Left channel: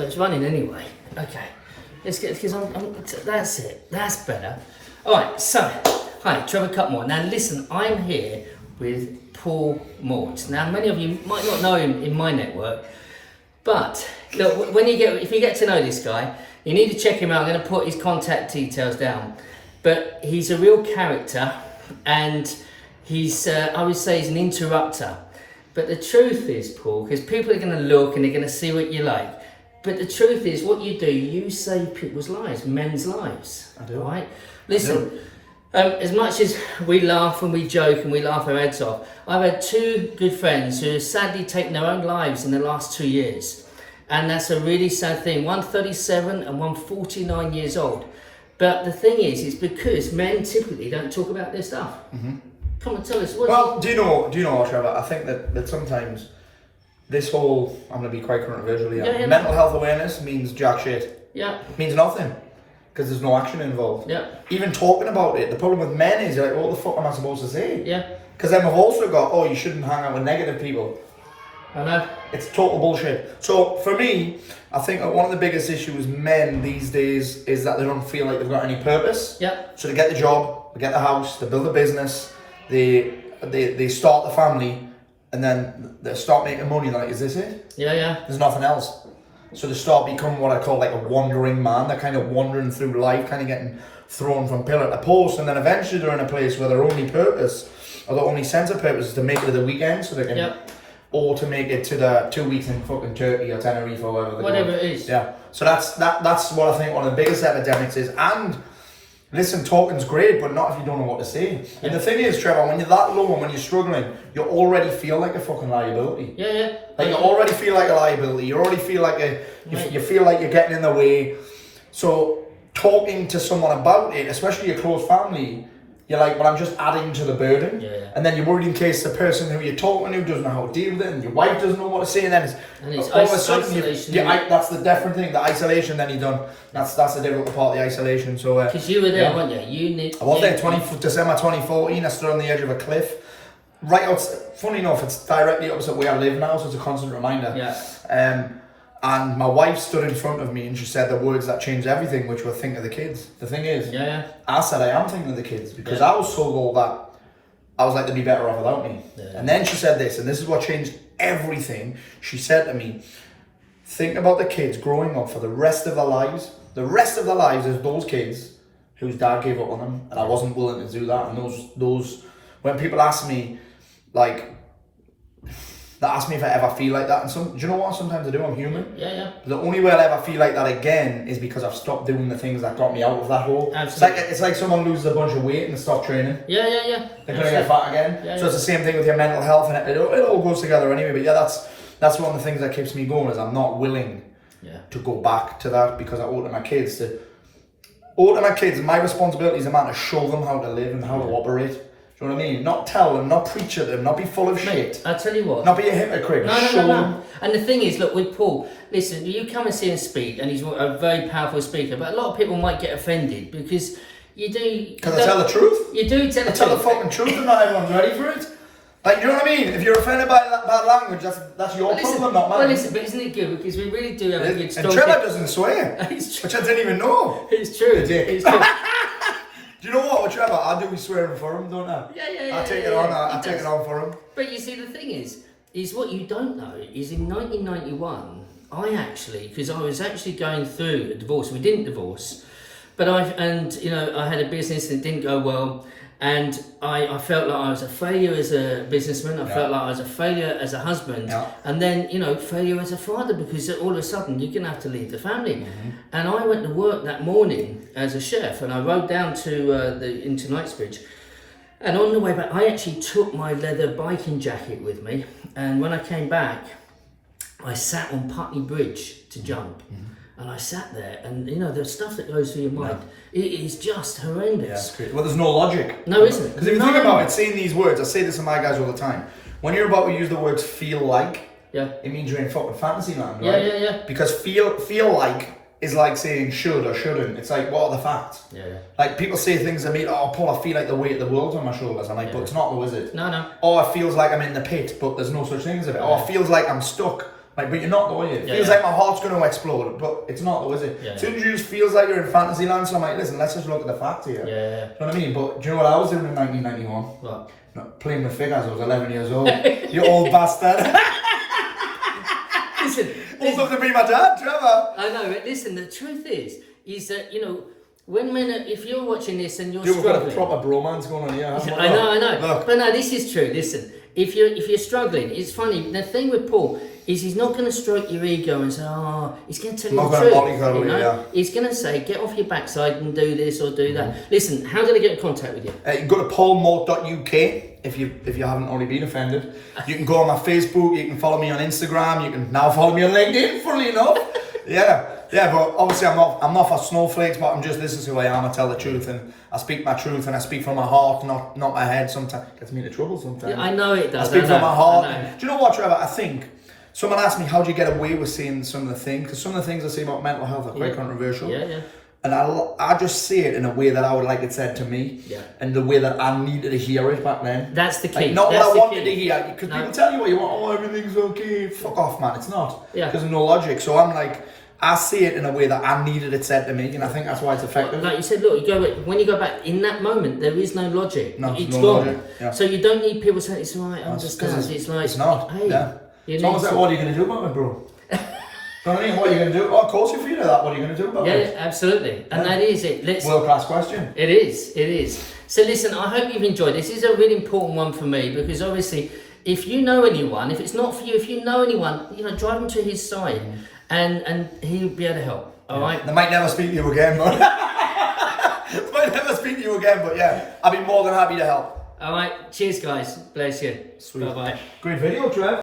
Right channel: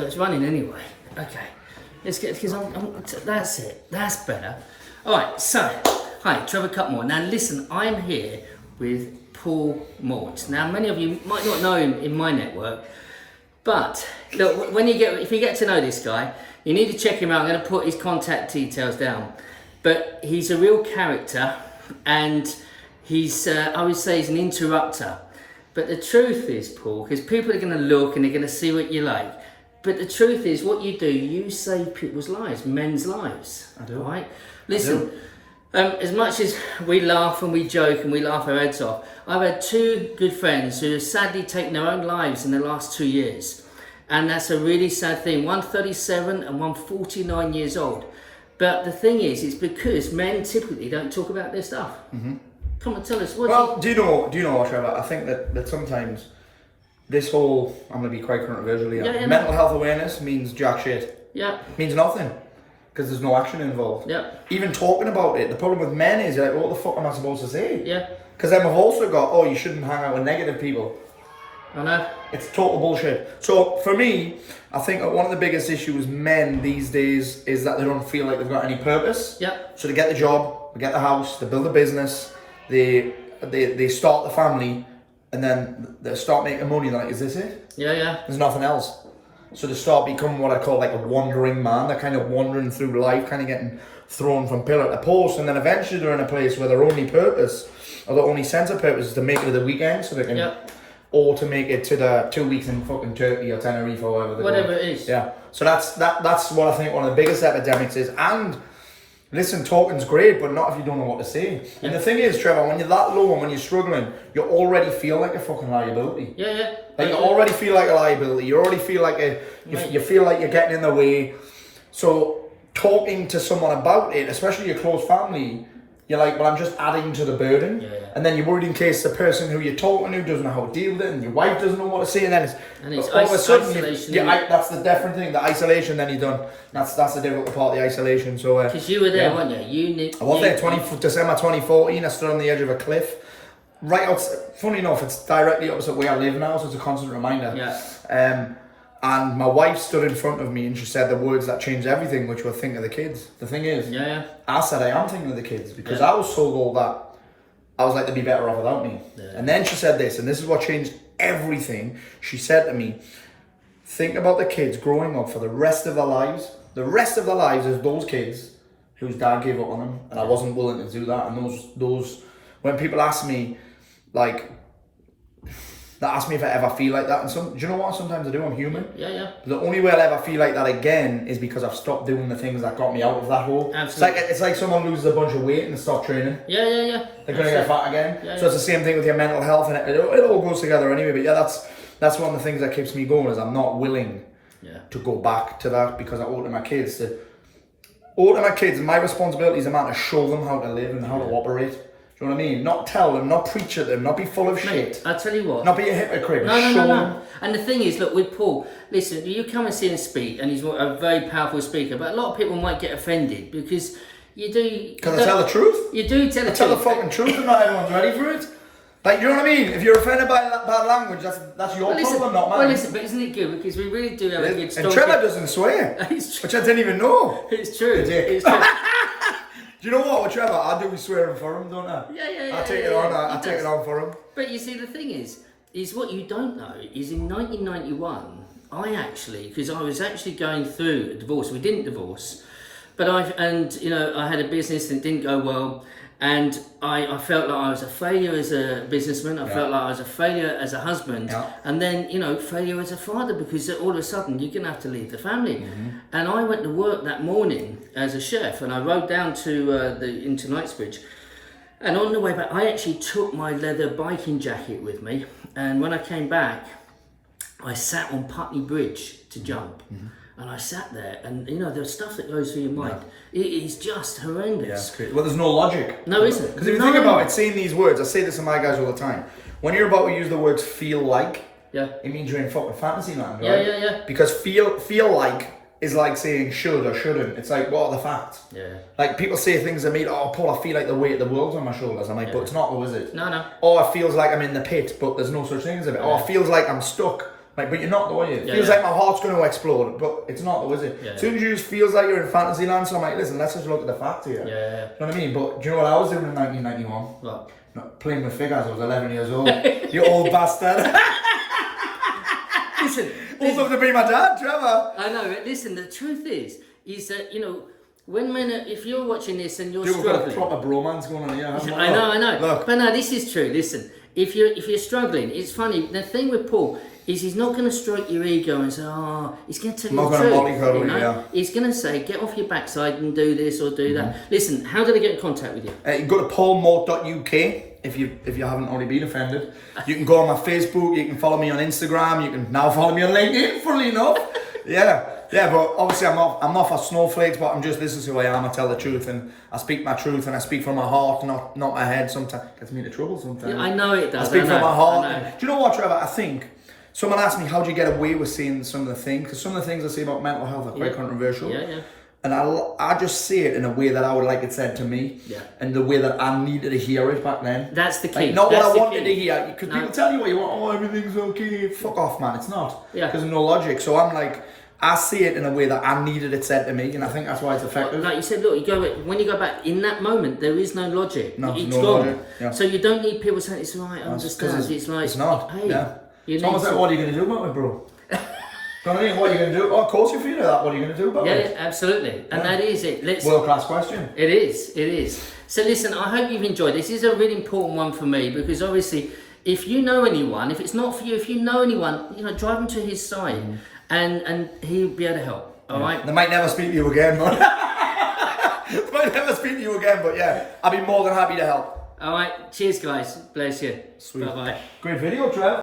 So it's running anyway. Okay. Let's get, because that's it. That's better. All right, so, hi, Trevor Cutmore. Now listen, I'm here with Paul Mort. Now many of you might not know him in my network, but look, if you get to know this guy, you need to check him out. I'm going to put his contact details down. But he's a real character, and he's, I would say he's an interrupter. But the truth is, Paul, because people are going to look and they're going to see what you like. But the truth is, what you do, you save people's lives, men's lives. I do. Right? Listen, as much as we laugh and we joke and we laugh our heads off, I've had two good friends who have sadly taken their own lives in the last 2 years. And that's a really sad thing. One 37 and one 49 years old. But the thing is, it's because men typically don't talk about their stuff. Mm-hmm. Come on, tell us. Do you know what, Trevor? I think that sometimes this whole, I'm going to be quite controversial here, mental health awareness means jack shit. Yeah. It means nothing. Because there's no action involved. Yeah. Even talking about it, the problem with men is like, what the fuck am I supposed to say? Yeah. Because then we've also got, you shouldn't hang out with negative people. I know. It's total bullshit. So for me, I think that one of the biggest issues men these days is that they don't feel like they've got any purpose. Yep. So they get the job, they get the house, they build a business, they start the family, and then they start making money. They're like, is this it? Yeah. There's nothing else. So they start becoming what I call like a wandering man. They're kind of wandering through life, kind of getting thrown from pillar to post, and then eventually they're in a place where their only purpose, or their only sense of purpose, is to make it to the weekend, so they can, or to make it to the 2 weeks in fucking Turkey or Tenerife or whatever it is. Yeah. So that's what I think one of the biggest epidemics is. And listen, talking's great, but not if you don't know what to say. And the thing is, Trevor, when you're that low and when you're struggling, you already feel like a fucking liability. Yeah. Like you already feel like a liability. You already feel like you feel like you're getting in the way. So talking to someone about it, especially your close family, you're like, well, I'm just adding to the burden. Yeah. And then you're worried in case the person who you're talking to doesn't know how to deal with it, and your wife doesn't know what to say, and then it's all of a sudden, isolation. that's the different thing. The isolation, then you're done. That's the difficult part of the isolation. So because you were there, weren't you? I was there. December 2014. I stood on the edge of a cliff. Right out. Funny enough, it's directly opposite where I live now, so it's a constant reminder. Yeah. And my wife stood in front of me and she said the words that changed everything, which were think of the kids. The thing is, I said I am thinking of the kids because I was told that I was like, they'd be better off without me. Yeah. And then she said this, and this is what changed everything. She said to me, think about the kids growing up for the rest of their lives. The rest of their lives is those kids whose dad gave up on them, and I wasn't willing to do that. And those when people ask me, like, they ask me if I ever feel like that, and do you know what? Sometimes I do. I'm human. Yeah. The only way I'll ever feel like that again is because I've stopped doing the things that got me out of that hole. Absolutely. It's like someone loses a bunch of weight and stop training. Yeah. They're going to get fat again. So it's the same thing with your mental health, and it all goes together anyway. But that's one of the things that keeps me going, is I'm not willing to go back to that, because I owe to my kids. My responsibility is a man to show them how to live and how to operate. Do you know what I mean? Not tell them, not preach at them, not be full of shit. I tell you what. Not be a hypocrite. No. And the thing is, look, with Paul, listen, you come and see him speak, and he's a very powerful speaker, but a lot of people might get offended because you do. Can I tell the truth? You do tell the truth. Tell the fucking truth, and not everyone's ready for it. Like, you know what I mean? If you're offended by that bad language, that's your problem, not mine. Well, listen, but isn't it good? Because we really do have a good story. And Trevor doesn't swear, which I didn't even know. It's true. It's true. Do you know what, with Trevor? I do swearing for him, don't I? Yeah. I take it on. I take it on for him. But you see, the thing is what you don't know is in 1991, because I was actually going through a divorce. We didn't divorce, but I had a business and it didn't go well. And I felt like I was a failure as a businessman. I felt like I was a failure as a husband. Yeah. And then, failure as a father, because all of a sudden you're going to have to leave the family. Mm-hmm. And I went to work that morning as a chef, and I rode down into Knightsbridge. And on the way back, I actually took my leather biking jacket with me. And when I came back, I sat on Putney Bridge to jump. Mm-hmm. And I sat there, and the stuff that goes through your mind, it is just horrendous. Yeah, well, there's no logic. No, isn't. Because if you think about it, saying these words, I say this to my guys all the time. When you're about to use the words "feel like," it means you're in fucking fantasy land, right? Yeah. Because feel like is like saying should or shouldn't. It's like, what are the facts? Yeah. Like, people say things to me, Paul, I feel like the weight of the world's on my shoulders. I'm like, but it's not, though, is it? No. Or it feels like I'm in the pit, but there's no such thing as it. Or it feels like I'm stuck. Like, but you're not, though, are you? It Yeah, feels yeah. like my heart's going to explode, but it's not, though, is it? Yeah, As soon as you just feels like you're in fantasy land, so I'm like, listen, let's just look at the facts here. Yeah, yeah. You know what I mean? But do you know what I was doing in 1991? What? Not playing with figures. I was 11 years old. You old bastard. Listen, Old enough to be my dad, Trevor. I know, but listen, the truth is that, you know, when men, if you're watching this and you're Dude, we've got a struggling. proper bromance going on here. haven't we? I know. Look. But no, this is true. Listen, if you're struggling, it's funny. The thing with Paul is he's not going to stroke your ego and say, "Oh," he's going to tell you Not the gonna truth. mollycoddle You know, you, yeah. he's going to say, "Get off your backside and do this or do that." Listen, how did I get in contact with you? You can go to paulmort.uk if you haven't already been offended. You can go on my Facebook. You can follow me on Instagram. You can now follow me on LinkedIn. Funnily enough, yeah. But obviously I'm not for snowflakes. But this is who I am. I tell the truth and I speak my truth and I speak from my heart, not my head. Sometimes gets me into trouble. Sometimes Yeah, I know it does. I speak from my heart. I know. Do you know what, Trevor? I think someone asked me how do you get away with saying some of the things, because some of the things I say about mental health are quite controversial. Yeah. And I just say it in a way that I would like it said to me, Yeah. and the way that I needed to hear it back then. That's the key. Like, not That's what I the wanted key. to hear, because No. people tell you what you want. Oh, everything's okay. Fuck off, man. It's not. Yeah. Because there's no logic. So I'm like, I say it in a way that I needed it said to me, and I think that's why it's effective. Like you said, look, when you go back in that moment, there is no logic. No, It's no gone. logic, yeah. So you don't need people saying it's right. I understand. 'cause It's like it's not. Hey, Yeah. you It's need almost like, to- what are you going to do about it, bro? You know what I mean? What are you going to do? Oh, of course you feel that. What are you going to do about Yeah, it? absolutely, and that is it. World class question. It is. So listen, I hope you've enjoyed. This is a really important one for me because obviously, if you know anyone, if it's not for you, if you know anyone, you know, drive them to his side, and he'll be able to help. All right. They might never speak to you again, but yeah, I'd be more than happy to help. All right. Cheers, guys. Bless you. Sweet. Bye bye. Great video, Trev.